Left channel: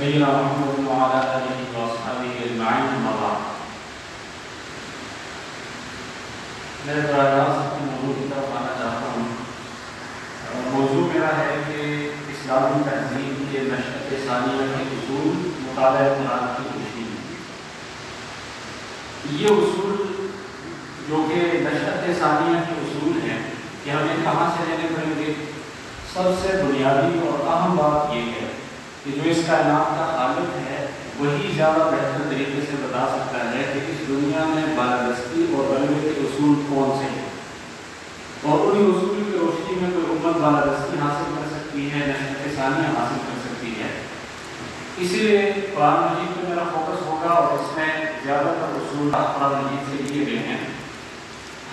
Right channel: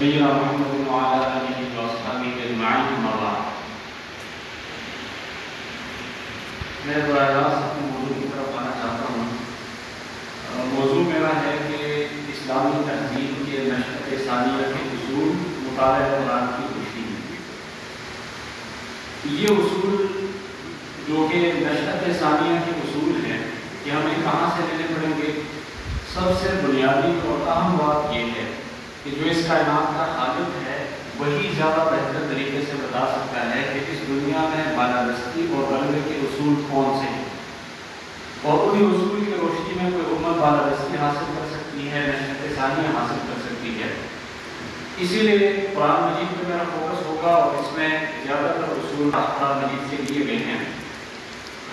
نبینا محمد وعلی آلہ وصحبہ اجمعین اما بعد۔ میں براہ راست اپنے موضوع کی طرف آنا چاہتا ہوں۔ موضوع میرا ہے کہ اسلامی تہذیب کے نشأت ثانیہ کے اصول مطالعہ قرآن کی روشنی میں۔ یہ اصول جو کہ نشأت ثانیہ کے اصول ہیں کہ ہمیں کہاں سے لینے پڑیں گے؟ سب سے بنیادی اور اہم بات یہ ہے کہ جو اس کائنات کا خالق ہے وہی زیادہ بہتر طریقے سے بتا سکتا ہے کہ اس دنیا میں بالادستی اور غلبے کے اصول کون سے ہیں، اور انہی اصول کی روشنی میں کوئی امت بالادستی حاصل کر سکتی ہے، نشأت ثانیہ حاصل کر سکتی ہے۔ اسی لیے قرآن مجید پہ میرا فوکس ہوگا اور اس میں زیادہ تر اصول قرآن مجید سے لیے گئے ہیں۔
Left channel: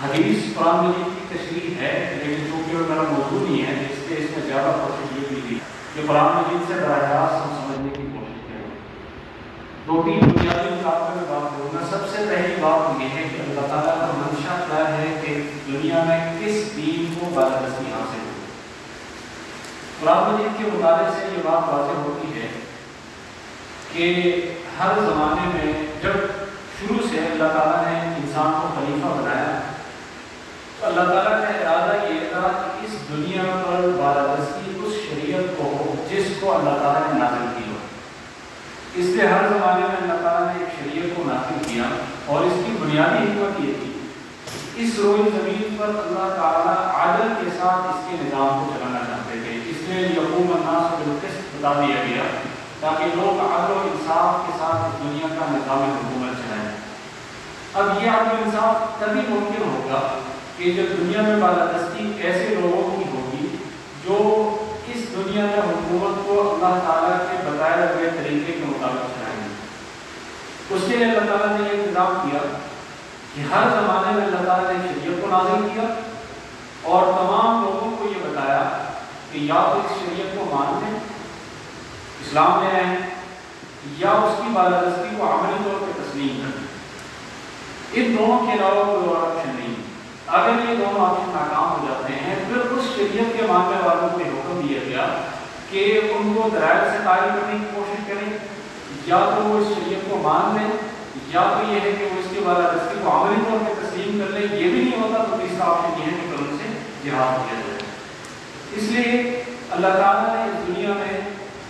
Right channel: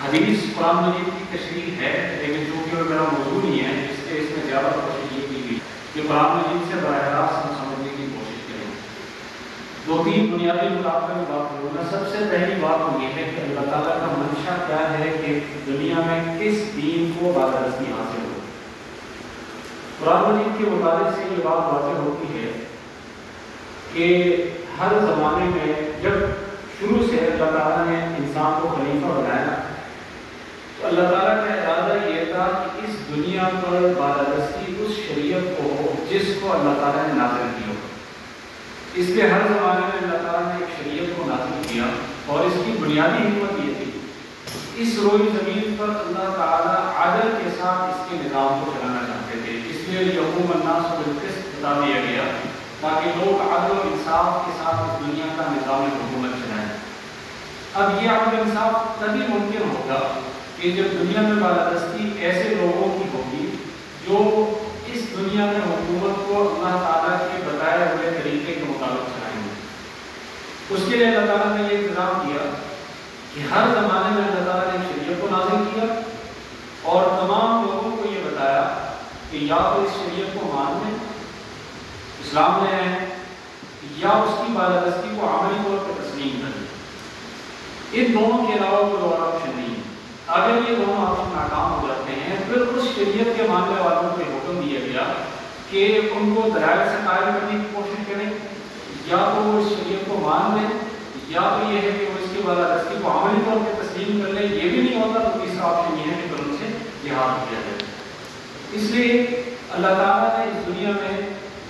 حدیث قرآن مجید کی تشریح ہے، لیکن چونکہ میرا موضوع نہیں ہے اس لیے اس میں زیادہ کوشش یہ کی گئی کہ قرآن مجید سے براہ راست ہم سمجھنے کی کوشش کریں۔ دو تین بنیادی مطابق میں بات کروں گا۔ سب سے پہلی بات یہ ہے کہ اللہ تعالیٰ کا منشا کیا ہے کہ دنیا میں کس دین کو بالادستی حاصل ہو۔ قرآن مجید کے مطالعے سے یہ بات واضح ہوتی ہے کہ ہر زمانے میں جب شروع سے اللہ تعالیٰ نے انسان کو خلیفہ بنایا تو اللہ تعالیٰ کا ارادہ یہ تھا کہ اس دنیا پر بالادستی اس شریعت کو ہو جس کو اللہ تعالیٰ نے نازل کیا۔ اس کے ہر زمانے میں اللہ تعالیٰ نے ایک شریعت کو نازل کیا اور اس کی بنیادی حکمت یہ تھی، اس روئے زمین پر اللہ تعالیٰ عدل کے ساتھ اس کے نظام کو چلانا چاہتے تھے، اس لیے یقوم الناس بالقسط بتا دیا گیا تاکہ لوگ عدل و انصاف کے ساتھ اس دنیا کا نظام حکومت چلائیں۔ اب یہ عدل و انصاف تبھی ممکن ہوگا کہ جب دنیا میں بالادستی ایسے لوگوں کی ہوگی جو اس دنیا میں حکومت کو اللہ تعالیٰ کے بتائے ہوئے طریقے کے مطابق چلائیں گے۔ اس کے لیے اللہ تعالیٰ نے یہ انتظام کیا کہ ہر زمانے میں اللہ تعالیٰ نے شریعت کو نازل کیا اور تمام لوگوں کو یہ بتایا کہ یا تو اس شریعت کو مان لیں، اسلام لے آئیں، یا اس کی بالادستی کو عملی طور پر تسلیم کریں۔ ان دونوں کے علاوہ کوئی اور آپشن نہیں۔ اگر یہ دونوں آپشن ناکام ہو جاتے ہیں پھر اس شریعت کے ماننے والوں کو حکم دیا گیا کہ ان کو دلائل سے قائل کرنے کی کوشش کریں، یا تو وہ اس شریعت کو مان لیں، یا تو یہ ہے کہ وہ اس کی بالادستی کو عملی طور پر تسلیم کر لیں۔ یہ بھی نہیں ہوتا تو تیسرا آپشن یہ ہے کہ ان سے جہاد کیا جائے۔ اس لیے اللہ تعالیٰ نے اس دنیا میں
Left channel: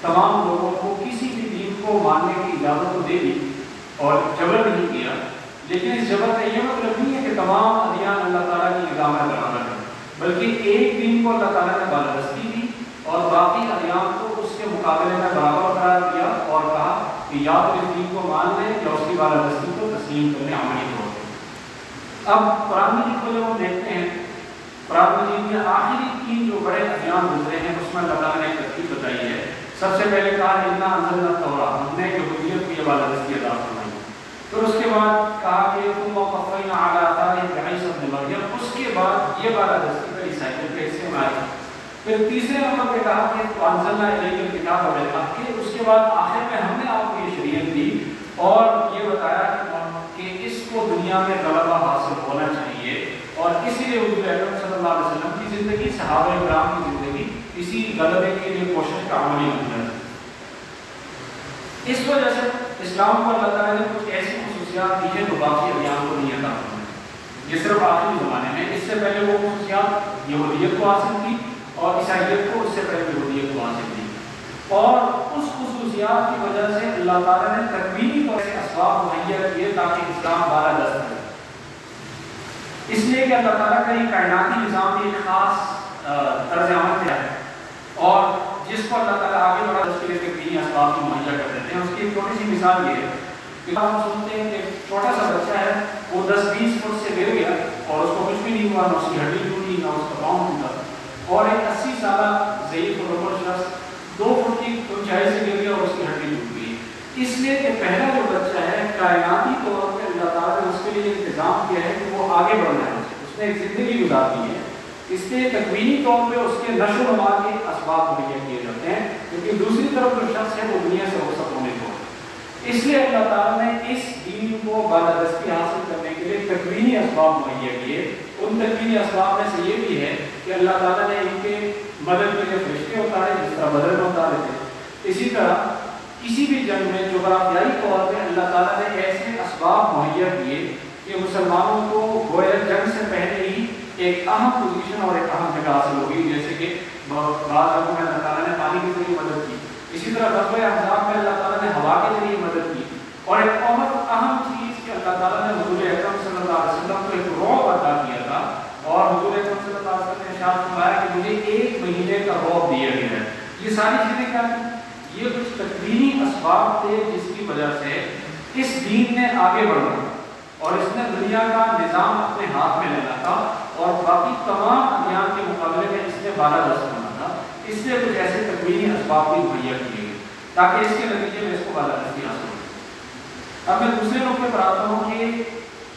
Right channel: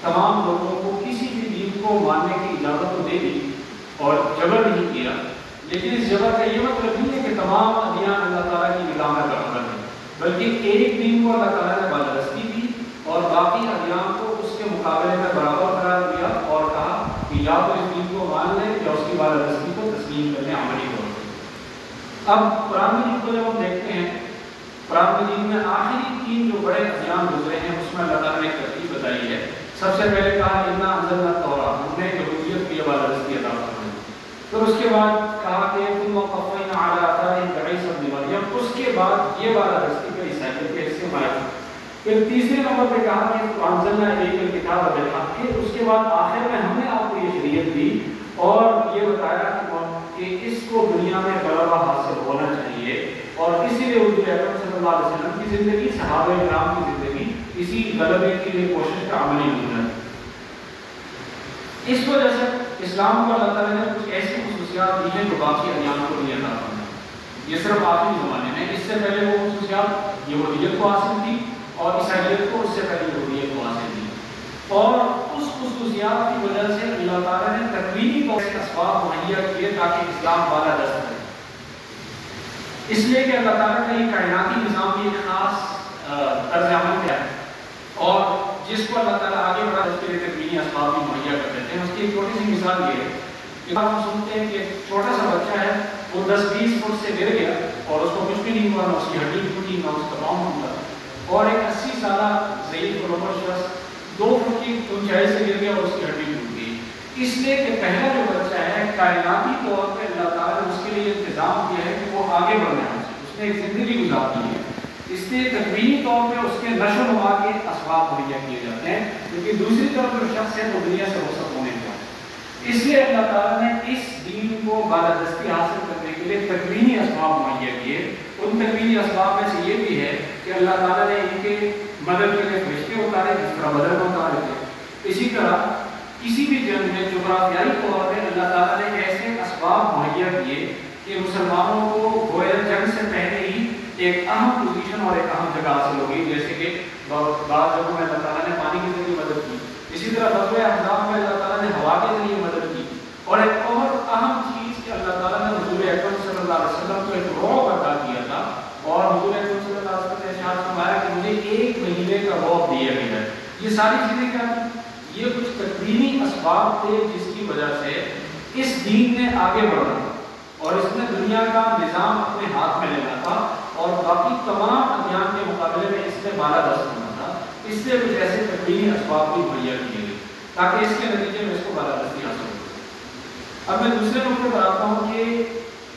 تمام لوگوں کو کسی بھی دین کو ماننے کی اجازت تو دے دی اور جبر نہیں کیا، لیکن اس جبر کا یہ مطلب نہیں ہے کہ تمام ادیان اللہ تعالیٰ کی نگاہ میں برابر ہیں، بلکہ ایک دین کو اللہ تعالیٰ نے بالادستی دی اور باقی ادیان کو اس کے مقابلے میں برابر قرار دیا اور کہا کہ یا تو اس دین کو مان لیں یا اس کی بالادستی کو تسلیم کرنے عملی طور پر۔ اب قرآن مجید کو جب ہم دیکھتے ہیں، قرآن مجید میں آخری تین جو بڑے ادیان گزرے ہیں اس میں اللہ تعالیٰ نے ترتیب بتائی ہے۔ سب سے پہلے کہا انا انزلنا التوراۃ، ہم نے یہودیت کو یہ بالادستی عطا فرمائی۔ پھر اس کے بعد کہا کہ ثم قفینا علی آثارہم بعیسی ابن مریم، اس کے بعد یہ بالادستی پر عیسائیت کے حصے میں آئی۔ پھر تیسرے نمبر پہ کہا کہ انزلنا الیک الکتاب بالحق، کہ اس کے بعد آخر میں ہم نے آپ کو یہ شریعت دی اور یہ بتایا کہ اس کو دنیا میں غلبہ حاصل ہونا چاہیے، اور اسی لیے حضور اکرم صلی اللہ علیہ وسلم کی زندگی، صحابہ کرام کی زندگی اسی غلبے کے لیے کوشش کا عملی نمونہ ہے۔ اس وجہ سے اسلام کو اللہ تعالیٰ نے کچھ ایسی خصوصیات دی ہیں جو باقی ادیان کو نہیں عطا فرمائی۔ یہ صرف آخری زمانے میں، اس سے پہلے وہ خصوصیات یہودیت کو حاصل تھی اور عیسائیت کو اس سے پہلے یہودیت کو حاصل تھی، اور اس خصوصیات کی وجہ سے اللہ تعالیٰ نے تکوینی طور سے اسباب مہیا کیے تاکہ اسلام بالادست رہے۔ اس لیے کہ اللہ تعالیٰ کا یہ کائناتی نظام بھی ایک خاص طرز عمل ہے، اور جس کو اللہ تعالیٰ آگے بڑھا اس کے لیے تکوینی اسباب بھی مہیا کر دیتے ہیں۔ اس کی ایک چھوٹی سی مثال یہ ہے کہ ہم سنتے ہیں کہ چھوٹا سا بچہ ہے، وہ 10-20 فٹ سے گر گیا اور اس کو کچھ بھی نہیں ہوا، نہ اس کی ہڈی ٹوٹی نہ اس کا پاؤں ٹوٹا، اور ایک 80 سالہ ضعیف اور عمر شخص 2 فٹ کی اونچائی سے گر گیا اور اس کی ہڈی ٹوٹ گئی۔ اس لیے کہ پہلا جو بچہ ہے کائناتی طور پہ اللہ تعالیٰ نے اس کے لیے انتظام کیا ہے کہ وہ آگے بڑھنا ہے، اس نے ایک زندگی گزارنی ہے، اس لیے تکوینی طور پہ اس کے نشو و نما کے اسباب مہیا کیے جاتے ہیں، کیونکہ دوسری طرف جو شخص ہے وہ دنیا سے رخصت ہونے کو ہے۔ اس لیے اللہ تعالیٰ نے اس دین کو بالادستی حاصل کرنے کے لیے تکوینی اسباب مہیا کیے۔ ان تکوینی اسباب میں سے یہ بھی ہے کہ اللہ تعالیٰ نے ان کے مدد کے لیے فرشتے اتارے جس طرح بدر میں اتارے تھے، اسی طرح کسی بھی جنگ میں جغرافیائی طور پہ اللہ تعالیٰ نے ایسے اسباب مہیا کیے کہ مسلمانوں کو گویا جنگ سے پہلے ہی ایک اہم پوزیشن اور ایک اہم جگہ حاصل ہو گئی، جیسے کہ بعض جگہوں میں اللہ تعالیٰ نے پانی کے ذریعے مدد کی، اسی طرح غزوہ احزاب میں اللہ تعالیٰ نے ہوا کے ذریعے مدد کی، اور ایک اور اہم چیز کہ اللہ تعالیٰ نے حضور اکرم صلی اللہ علیہ وسلم کو ایک رعب عطا کیا تھا، اور حضور اکرم صلی اللہ علیہ وسلم نے ارشاد فرمایا کہ مجھے 1 مہینے کا رعب دیا گیا ہے۔ یہ ساری چیزیں کیا ہیں؟ یہ کچھ تکوینی اسباب تھے جس کی وجہ سے اس دین نے آگے بڑھنا اور اس نے دنیا کا نظام اپنے ہاتھ میں لینا تھا، اور باقی تمام ادیان کے مقابلے میں اس نے بالا دست ہونا تھا، اس لیے کچھ ایسے تکوینی اسباب بھی مہیا کیے گئے تاکہ اس کے نتیجے میں اس کو بالا دستی حاصل ہو۔ اب میں دوسرے نقطے پر آتا ہوں کہ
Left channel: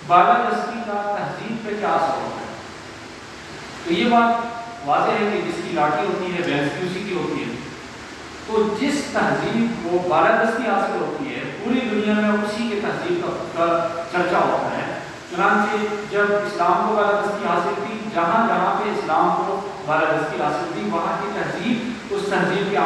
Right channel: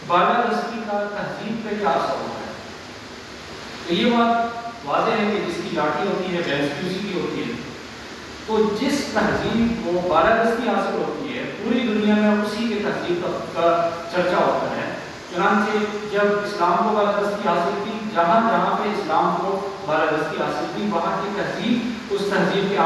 بالا دستی کا تہذیب پہ کیا اثر ہوتا ہے۔ تو یہ بات واضح ہے کہ جس کی لاٹھی ہوتی ہے بھینس بھی اسی کی ہوتی ہے، تو جس تہذیب کو بالادستی حاصل ہوتی ہے پوری دنیا میں اسی کے تہذیب کا چرچا ہوتا ہے۔ چنانچہ جب اسلام کو بالادستی حاصل تھی، جہاں جہاں پہ اسلام کو بالادستی حاصل تھی وہاں کی تہذیب اس تہذیب کے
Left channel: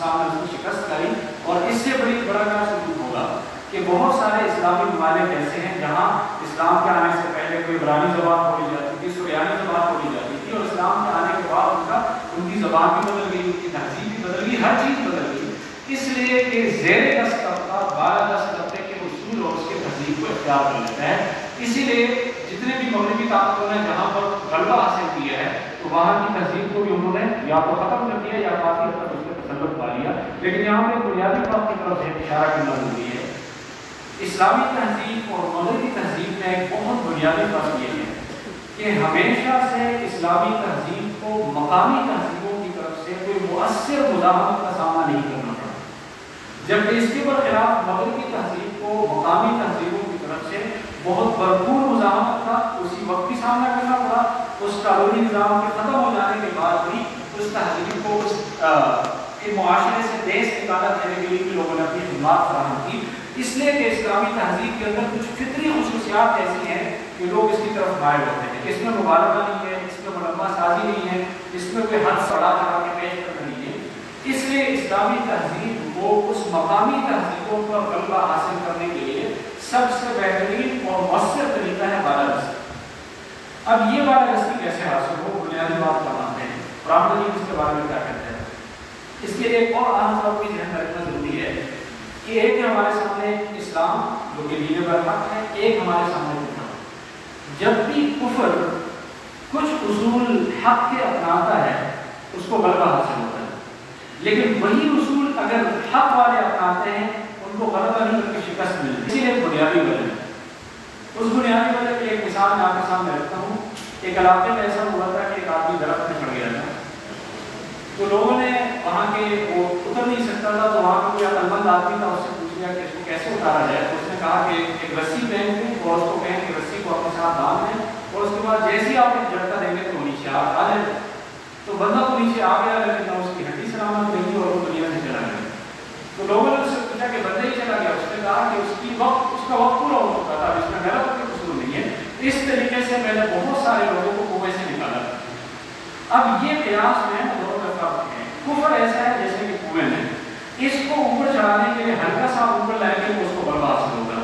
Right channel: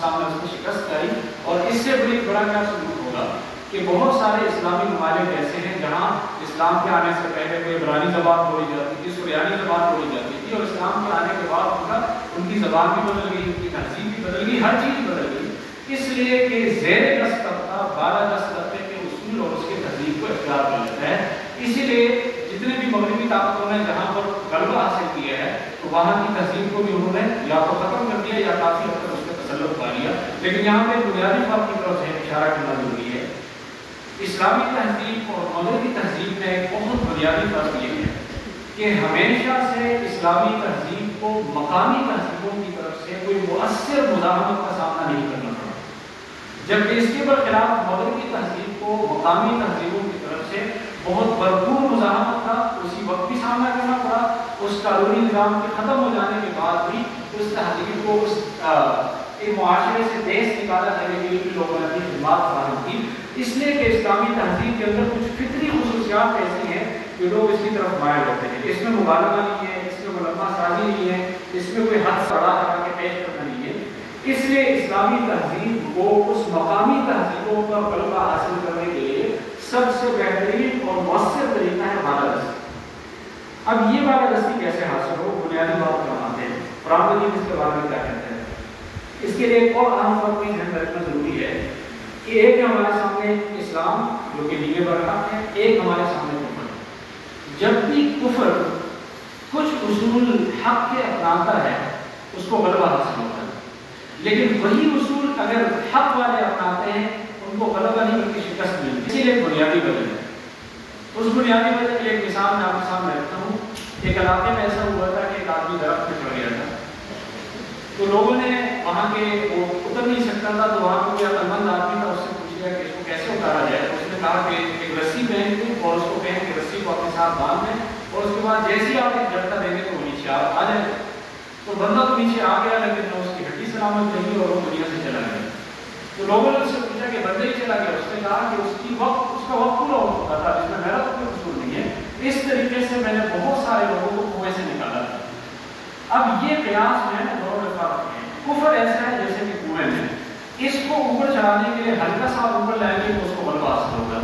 سامنے اس کی شکست کری، اور اس سے بڑا کیا سلوک ہوگا کہ بہت سارے اسلامی ممالک ایسے ہیں جہاں اسلام کے آنے سے پہلے کوئی عبرانی زبان بولی جاتی تھی، سریانی زبان بولی جاتی تھی، اور اسلام کے آنے کے بعد ان کی زبان بھی بدل گئی، ان کی تہذیب بھی بدل گئی، ہر چیز بدل گئی، اس لیے کہ زیر دست طبقہ بالا دست طبقے کے اصول اور اس کی تہذیب کو اختیار کر لیتا ہے۔ اسی لیے جتنے بھی مغربی طاقتوں نے جہاں پر غلبہ حاصل کیا ہے تو وہاں کی تہذیب کو بھی انہوں نے یا تو ختم کر دیا یا کافی حد تک اس پہ تسلط پا لیا۔ لیکن یہاں پہ بنیادی فرق کی طرف اشارہ کرنا ضروری ہے۔ اسلامی تہذیب اور مغربی تہذیب میں ایک بہت بنیادی فرق یہ ہے کہ ہمیشہ سے اسلامی تہذیب کو مقامی تہذیبوں کی طرف سے کوئی مؤثر مزاحمت کا سامنا نہیں کرنا پڑا، جبکہ اس کے برخلاف مغربی تہذیب کو مقامی تہذیبوں کی طرف سے بہت بھرپور مزاحمت کا اسی وقت بھی سامنا کرنا پڑا۔ اس قانونی نظام کے ختم ہو جانے کے بعد بھی اس تہذیب کو اس معاشرے سے دیش نکالا دینے کے لیے لوگوں نے اپنی خدمات فراہم کی، اس لیے کہ اسلامی تہذیب کے اندر کچھ فطری خصوصیات ایسی ہیں کہ لوگ اس کی طرف مائل ہوتے ہیں۔ اس میں مبالغہ نہیں ہے، اس میں ملمہ سازی نہیں ہے، اس میں کوئی حد سڑا لگا کے پیش کرنا نہیں ہے۔ اس لیے اسلامی تہذیب کو اس مقامی تہذیبوں پر غلبہ حاصل کرنے کے لیے سب سے بہترین اور مؤثر طریقہ ہے بالادستی۔ اب یہ بالادستی کیسے حاصل ہو، بنیادی بات کرواتے ہیں۔ قرآن مجید اس کے بارے میں کیا کہتے ہیں؟ اس کے لیے ایک اور اہم فرق بھی ذہن رکھنا ضروری ہے کہ ایک ہمارے سامنے اسلام جو کہ دین برحق ہے، ایک ہمارے سامنے کفر ہے۔ جب بھی کفر کچھ اصول حق کے اپناتا ہے اس کو غلبہ حاصل ہوتا ہے، لیکن وہی اصول اگر حق والے اپناتے ہیں ان کو غلبہ نہیں بلکہ شکست ملتی ہے۔ اسی لیے ایک بنیادی وجہ ہے۔ اس بنیادی وجہ کی ایک مثال میں آپ کے سامنے رکھتا ہوں۔ ایک علاقے میں ایسا ہوا تھا کہ ایک آدمی درخت میں چڑھ گیا تھا، تو لوگوں نے وہاں کے وہ اتر نہیں سکتا تھا، تو وہاں پہ کوئی عقلمند آدمی تھا، اس سے پوچھ لیا کہ اس کو کیسے اتارا جائے۔ تو اس نے کہا کہ ایک رسی پہن کے اور اس کو کہیں کہ رسی کو اپنے ساتھ باندھ دیں، اور اس کے بعد جیسے ہی آپ ایک جھٹکا دیں گے تو وہ نیچے آ جائے گا۔ تو بندہ تو نیچے آ گیا، لیکن نہ اس کی ہڈی سلامت رہی اور وہ دنیا سے چلا گیا۔ تو لوگوں نے اس سے پوچھا کہ بندے ہی چلا گیا، اس نے کہا کہ اس کا وقت پورا ہو چکا تھا، اس میں میرا کوئی قصور نہیں ہے، اس طریقے سے میں نے بہت سارے لوگوں کو کنویں سے نکالا تھا۔ اب یہ قیاس میں دونوں کا فرق ہے۔ کفر ایسا ہے جیسے کہ کنویں میں، اس کو اوپر چڑھانے کے لیے ہلکا سا اوپر لائیں گے تو اس کو غلبہ حاصل ہوگا۔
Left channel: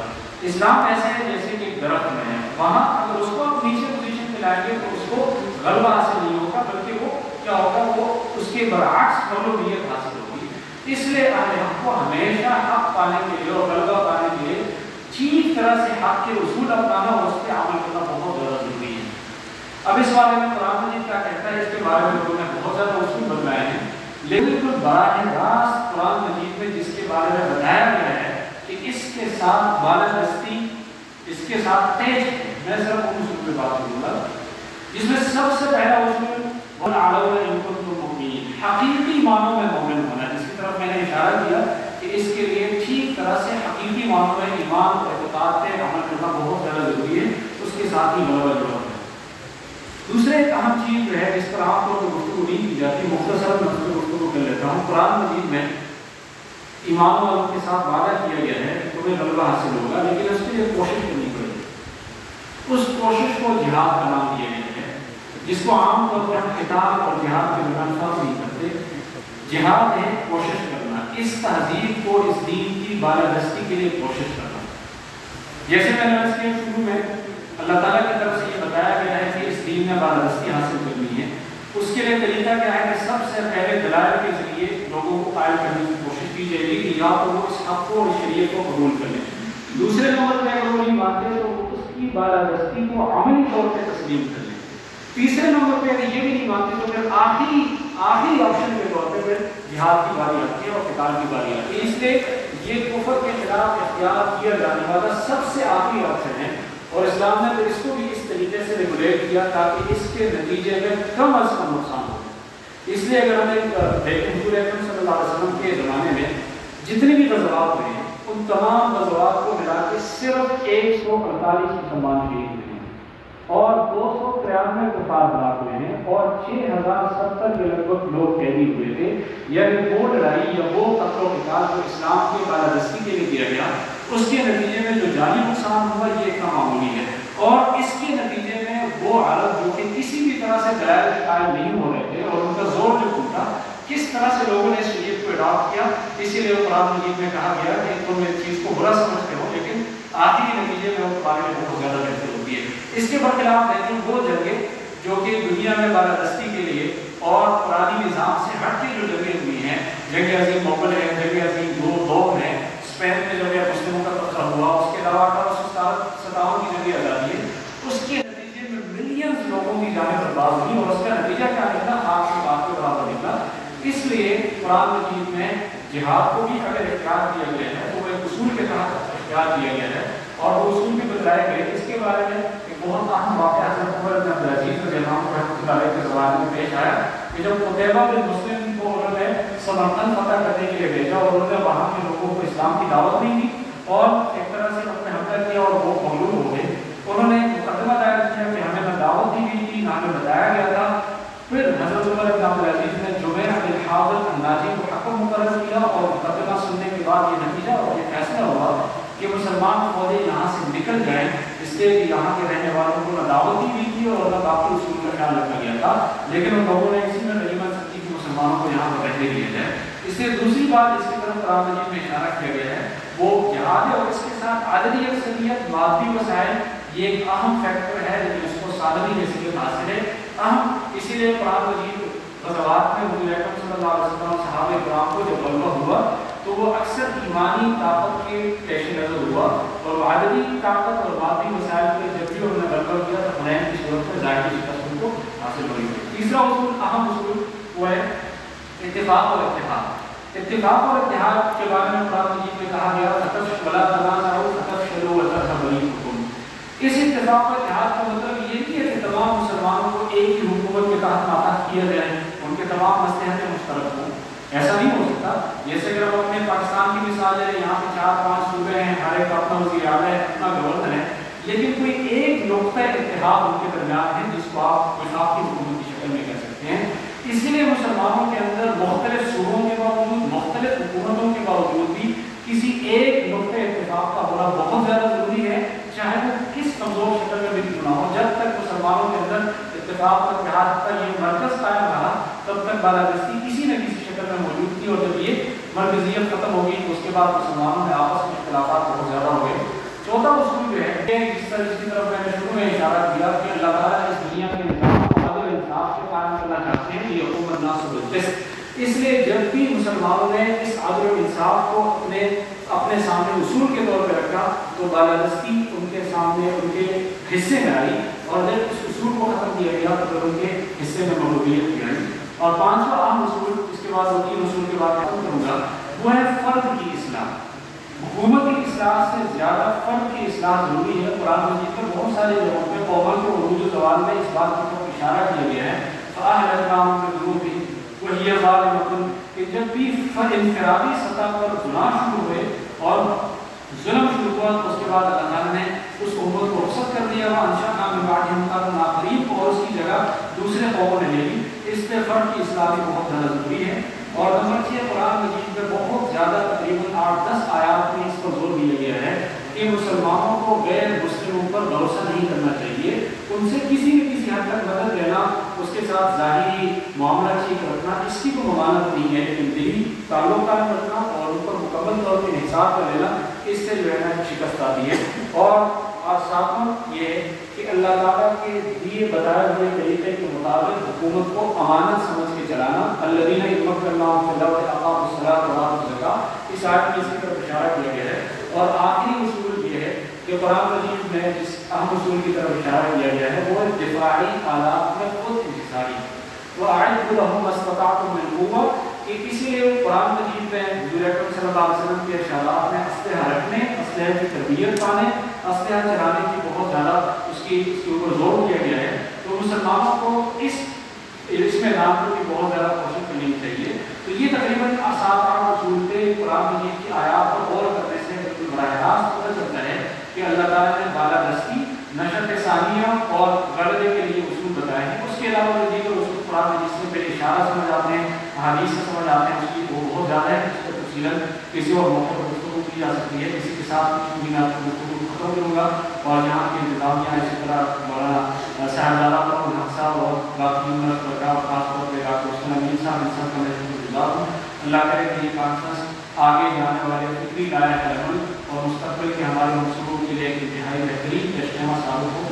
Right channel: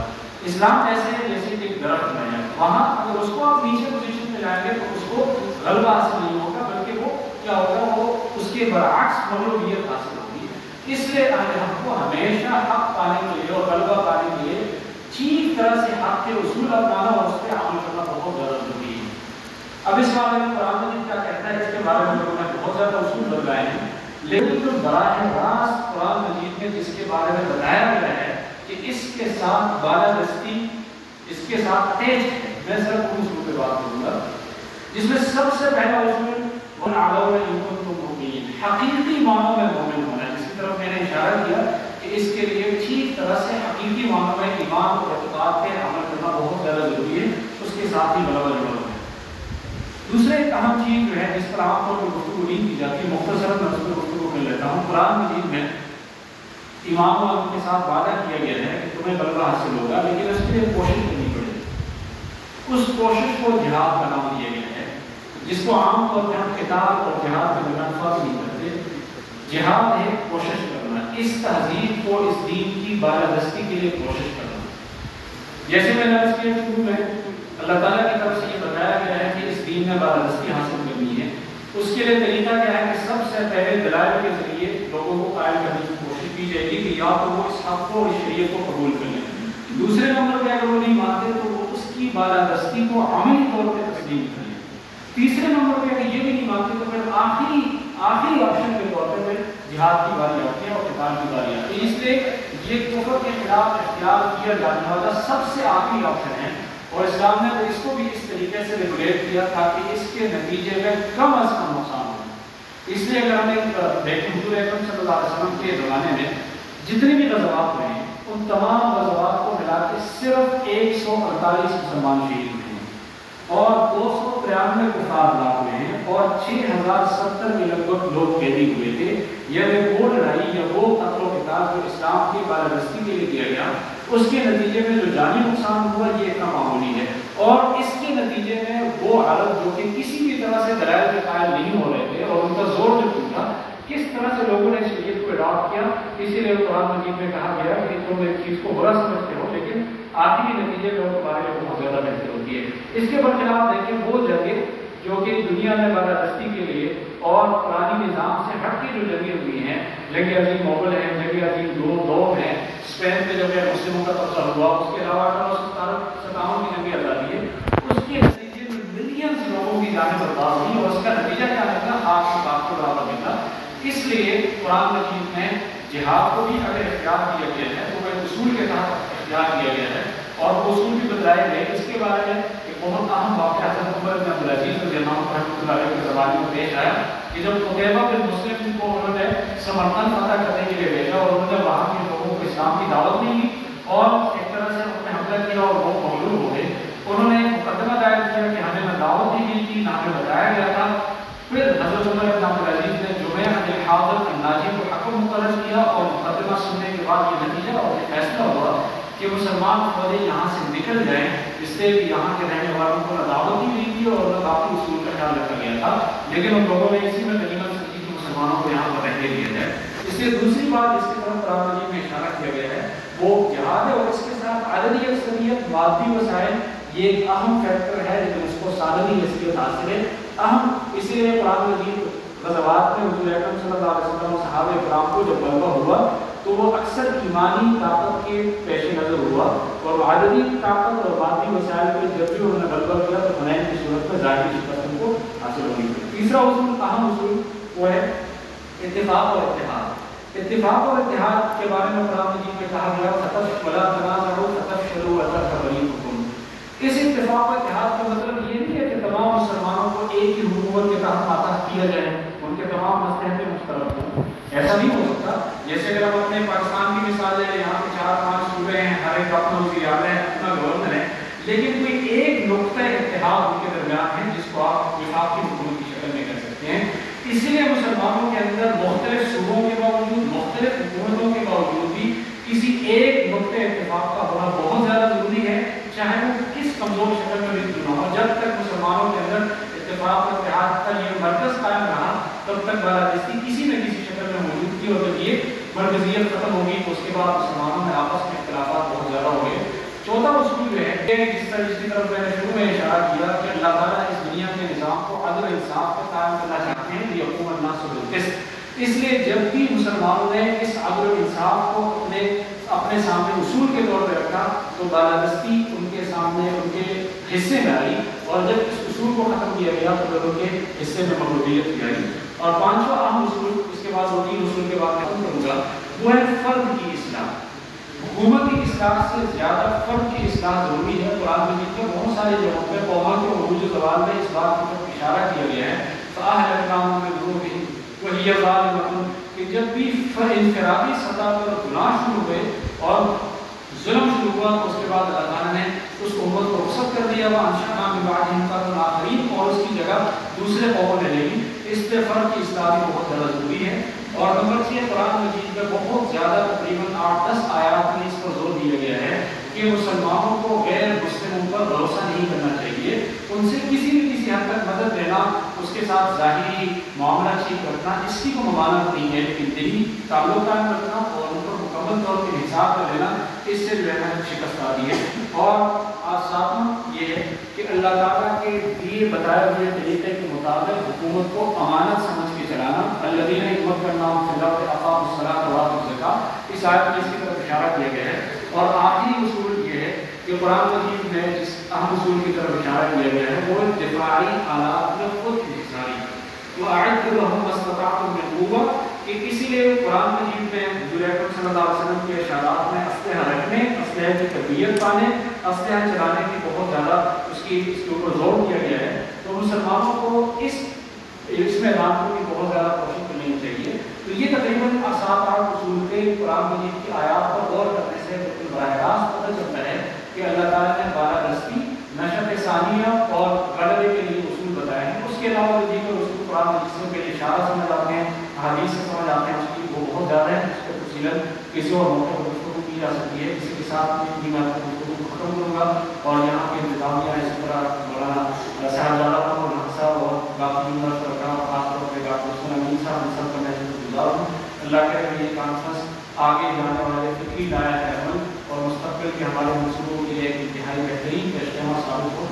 اسلام ایسے ہے جیسے کہ درخت میں ہے، وہاں اگر اس کو آپ نیچے پوزیشن پہ لائیں گے تو اس کو غلبہ حاصل نہیں ہوگا، بلکہ وہ کیا ہوگا، وہ اس کے برعکس مغلوبیت حاصل ہوگی۔ اس لیے ہم کو ہمیشہ حق پانے کے لیے اور غلبہ پانے کے لیے ٹھیک طرح سے حق کے اصول اپنانا اور اس پہ عمل کرنا بہت زیادہ ضروری ہے۔ اب اس بارے میں قرآن مجید کیا کہتا ہے، اس کے بارے میں لوگوں نے بہت زیادہ اصول بتلائے ہیں، لیکن کچھ براہ راست قرآن مجید میں جس کے بارے میں بتایا گیا ہے کہ اس کے ساتھ بالادستی، اس کے ساتھ تیز ہے، میں صرف ان اصول پہ بات کروں گا، جس میں سب سے پہلا اصول حقیقی معنوں میں مومن ہونا، جس کی طرف میں نے اشارہ کیا کہ اس کے لیے ٹھیک طرح سے حقیقی معنوں میں ایمان اور اعتقاد پہ عمل کرنا بہت زیادہ ضروری ہے، اس کے ساتھ ہی غلبہ ضرورت ہے۔ دوسرے ایک اہم چیز جو ہے جس پر عام طور پر گفتگو نہیں کی جاتی، مختصر میں اس پر گفتگو کر لیتا ہوں۔ قرآن مجید میں ایمان اور ان کے ساتھ وعدہ کیا گیا ہے کہ تمہیں غلبہ حاصل ہوگا، لیکن اس کے لیے کوشش کرنی پڑے گی۔ اس کوشش کو جہاد کا نام دیا گیا ہے، جس کو عام طور پر ہم کتاب اور جہاد کے درمیان فرق نہیں کرتے۔ جہاد ہے کوشش کرنا، اس تہذیب کو، اس دین کی بالادستی کے لیے کوشش کرنا۔ جیسے میں نے عرض کیا شروع میں، اللہ تعالیٰ کی طرف سے یہ بتایا گیا ہے کہ اس دین میں بالادستی حاصل کرنی ہے۔ اس کے لیے طریقہ کیا ہے کہ سب سے پہلے دلائل کے ذریعے لوگوں کو قائل کرنے کی کوشش کی جائے گی کہ یا تو وہ اس حق کو، اس شریعت کو قبول کر لیں۔ دوسرے نمبر پہ اگر وہ نہیں مانتے تو وہ اس کی بالادستی کو عملی طور پہ تسلیم کر لیں۔ تیسرے نمبر پہ اگر یہ بھی نہیں مانتے تو پھر آخری آپشن کے طور پہ پھر جہاد کی باری آتی ہے اور قتال کی باری آتی ہے۔ اس لیے یہ کفر کے خلاف اختیار کیا جانے والا سب سے آخری آپشن ہے، اور اسلام نے اس کو بھی اس طریقے سے ریگولیٹ کیا تاکہ اس کے نتیجے میں کم از کم نقصان ہو۔ اس لیے اگر ہمیں دیکھیں حضور اکرم صلی اللہ علیہ وسلم کے زمانے میں جتنے بھی غزوات ہوئے ہیں ان تمام غزوات کو ملا کے صرف 148 مسلمان شہید ہوئے ہیں اور 293 کفار ہلاک ہوئے ہیں اور 6070 کے لگ بھگ لوگ قیدی ہوئے تھے۔ یعنی وہ لڑائی یا وہ قتل و قتال جو اسلام کی بالادستی کے لیے کیا گیا، اس کے نتیجے میں جو جانی نقصان ہوا یہ اتنا معمولی ہے، اور اس کے نتیجے میں وہ عرب جو کہ کسی بھی طرح سے دلائل کے قائل نہیں ہو رہے تھے اور ان کا زور جو ٹوٹا، کس طرح سے لوگوں نے شریعت کو اڈاپٹ کیا۔ اسی لیے قرآن مجید میں کہا گیا کہ تم اس چیز کو برا سمجھتے ہو لیکن آخری نتیجے میں وہ تمہارے لیے بہت زیادہ بہتر ہوتی ہے۔ اس کے برخلاف دیکھیں وہ جگہ جو کہ دنیا میں بالادستی کے لیے اور پرانی نظام سے ہٹ کے جو جگہیں ہوئی ہیں، جنگ عظیم موغل ہے، جنگ عظیم دوم ہے، اسپین میں جب مسلموں کا قبضہ ہوا، اس کے علاوہ 1857 کی جنگ آزادی ہے، اس کے نتیجے میں ملینز لوگوں کی جانیں برباد ہوئی اور اس کا نتیجہ کیا نکلا؟ آپ کی بات کو برابر نکلا۔ اس لیے قرآن مجید میں جہاد کو بھی اگر اختیار کیا گیا ہے تو وہ اصول کے تحت اختیار کیا گیا ہے اور وہ اصول بھی بتلائے گئے۔ اس کے بارے میں ایک بہت اہم واقعہ حضرت عمر بن عبدالعزیز رضی اللہ عنہ رحمۃ اللہ علیہ کے زمانے میں پیش آیا کہ جب قتیبہ بن مسلم کو انہوں نے سمرقند فتح کرنے کے لیے بھیجا اور انہوں نے وہاں کے لوگوں کو اسلام کی دعوت نہیں دی اور ایک طرح سے انہوں نے حملہ کیا اور وہ مغلوب ہو گئے۔ انہوں نے مقدمہ دائر کیا کہ ہمیں نہ دعوت دی گئی تھی نہ ہمیں بتایا گیا تھا۔ پھر حضرت عمر بن عبدالعزیز نے جمعہ بن الحاضر الناجی کو حکم مقرر کیا اور مقدمہ سننے کے بعد یہ نتیجہ اور یہ فیصلہ ہوا کہ مسلمان فوجیں یہاں سے نکل جائیں، اس لیے کہ یہاں کے رہنے والوں کو نہ دعوت دی گئی تھی اور نہ باقی اصول کا خیال رکھا گیا تھا، لیکن ان لوگوں نے اسی میں غنیمت سمجھی کہ مسلمانوں کو یہاں پر رہنے دیا جائے۔ اس لیے دوسری بات اس کی طرف قرآن مجید میں اشارہ کیا گیا ہے وہ جہاد ہے، اور اس کے ساتھ عددی اکثریت، مادی وسائل یہ ایک اہم فیکٹر ہے لیکن اس کو سالمی حیثیت حاصل ہے اہم۔ اسی لیے قرآن مجید غزوات میں حضور اکرم صلی اللہ علیہ وسلم صحابہ کرام کو جب غلبہ ہوا تو وہ اکثر ایمانی طاقت کے پیش نظر ہوا اور عددی طاقت اور مادی وسائل پہ جب بھی انہوں نے غلبہ کیا تو حنین کی صورت میں ظاہری شکست ان کو حاصل ہوئی۔ تیسرا اصول، اہم اصول، وہ ہے اتفاق اور اتحاد۔ اتفاق اور اتحاد کے بارے میں قرآن مجید میں کہا گیا وَلَا تَنَازَعُوا فَتَفْشَلُوا وَتَذْهَبَ رِيحُكُمْ۔ اس اتفاق و اتحاد کا مطلب یہ نہیں ہے کہ تمام مسلمانوں کو ایک ہی حکومت کے تحت ماتحت کیا جائے، ان کے تمام مصلحتیں مشترک ہوں، ایسا نہیں ہو سکتا۔ جیسے اگر ہم اپنے پاکستان کی مثال لیں، یہاں پہ 4-5 صوبے ہیں، ہر ایک اپنا وزیر اعلیٰ ہے، اپنا گورنر ہے، لیکن کوئی ایک نقطہ اتحاد ان کے درمیان ہے جس کو آپ وفاقی حکومت کی شکل میں کر سکتے ہیں۔ اسی لیے مسلمانوں کے اندر مختلف صوبوں کے باوجود، مختلف حکومتوں کے باوجود بھی کسی ایک نقطہ اتفاق کا ہونا بہت زیادہ ضروری ہے، چاہے وہ کس کمزور شکل میں بھی کیوں نہ ہو۔ جب تک مسلمانوں کے اندر اتفاق اور اتحاد کا یہ مرکز قائم رہا تب تک بالادستی کسی نہ کسی شکل میں موجود تھی، اور جب یہ مرکزیت ختم ہوگی تو اس کے بعد مسلمانوں میں آپس میں اختلافات بہت زیادہ ہو گئے۔ چوتھا اصول جو ہے جس کی طرف میں نے شروع میں اشارہ کیا کہ اللہ تعالیٰ اس دنیا کے نظام کو عدل انصاف پہ قائم کرنا چاہتے ہیں، یہ حکومت الناس بالقسط۔ اس لیے جب بھی مسلمانوں نے اس عدل و انصاف کو اپنے سامنے اصول کے طور پہ رکھا تو بالادستی ان کے سامنے ان کے حصے میں آئی، اور جب اس اصول کو ختم کیا گیا تو پھر ان کے حصے میں مغلوبیت کی آئی۔ اور پانچواں اہم اصول، اس کے بعد 2-3 اصول کے بعد ختم کروں گا، وہ ہے فرد کی اصلاح۔ حکومت کی اصلاح سے زیادہ فرد کی اصلاح ضروری ہے۔ قرآن مجید میں بہت ساری جگہوں پہ قوموں کے عروج و زوال میں اس بات کو اشارہ کیا گیا ہے فَأَهْلَكْنَاهُمْ بِذُنُوبِهِمْ وَهِيَ ظَالِمَةٌ، کہ جب بھی انفرادی سطح پر گناہ شروع ہوئے اور ظلم شروع ہوا تو اس کے بعد اللہ تعالیٰ نے اس امت کو رخصت کر دیا، وَأَنشَأْنَا مِن بَعْدِهِمْ قَرْنًا آخَرِينَ، اور اس کی جگہ دوسرے قوموں نے لے لی۔ اس سے فرد کی اصلاح بھی بہت زیادہ ضروری ہے۔ اور نمبر 6، قرآن مجید میں بہت زیادہ تقریباً 8-10 آیات میں اس پر زور دیا گیا ہے کہ مسلمانوں کو غیر مسلموں پر بھروسہ نہیں کرنا چاہیے، ان سے کسی نہ کسی حد تک مدد لینا، اس کے ساتھ ظاہری معاملہ ٹھیک رکھنا اس کی کوئی ممانعت نہیں ہے، لیکن دلی تعلق قائم رکھنا اور ان پر مکمل طور پہ انحصار کر لینا اس سے جو ہے نا شکست آتی ہے۔ اور ساتواں یہ ہے کہ اللہ تعالیٰ کے دیے بتائے ہوئے طریقے کے مطابق حکومت کو امانت سمجھ کے چلانا، الذین یمکنونہم فی الارض اقاموا الصلاۃ وآتوا الزکاۃ، اس آیت میں اس کی طرف اشارہ کیا گیا ہے۔ اور آخری اصول یہ ہے کہ قرآن مجید میں جس اہم اصول کی طرف اشارہ کیا گیا ہے وہ دفاعی آلات میں خود انحصاری، وَأَعِدُّوا لَهُم مَّا اسْتَطَعْتُم مِّن قُوَّةٍ، کہ اسی لیے قرآن مجید میں حضور اکرم صلی اللہ علیہ وسلم کے ارشادات میں اسلحہ رکھنے، اسلحے کی تربیت پانے، اسلحہ چلانے کی بہت زیادہ اس کے اوپر زور دیا گیا ہے۔ تو مسلمانوں کو اس میدان کو بھی بہت زیادہ کوشش کرنی چاہیے۔ تو یہ تقریباً 7-8 اصول تھے قرآن مجید کی آیات پر غور کرنے سے بالکل براہ راست پتہ چلتا ہے کہ اللہ تعالیٰ نے بالادستی، نشأۃ ثانیہ اور غلبے کے لیے اصول بتائے ہیں۔ اس کے علاوہ یہ جو اصول قرآن مجید سے پہلے اشارہ سمجھ آتے ہیں، حدیث سے سمجھ آتے ہیں، اس کی وہ بہت زیادہ ہے، اس کو تفصیلاً کسی اور موقع پر گفتگو کی جا سکتی ہے۔ اسی کے ساتھ میں آپ کو گفتگو ختم کروں گا، اور یہاں کے انتظامیہ اسی طرح مولانا صاحبزادہ الحق صاحب اور باقی شرکا اور خاص طور پہ ڈاکٹر حسین امین صاحب ان سب کا میں شکر گزار ہوں۔ اللہ کرے کہ یہ کانفرنس آگے جانے والے فکری لائق عمل اور مستقبل کے ہمارے منصوبوں کے لیے ایک انتہائی بہترین اجتماع ثابت ہو۔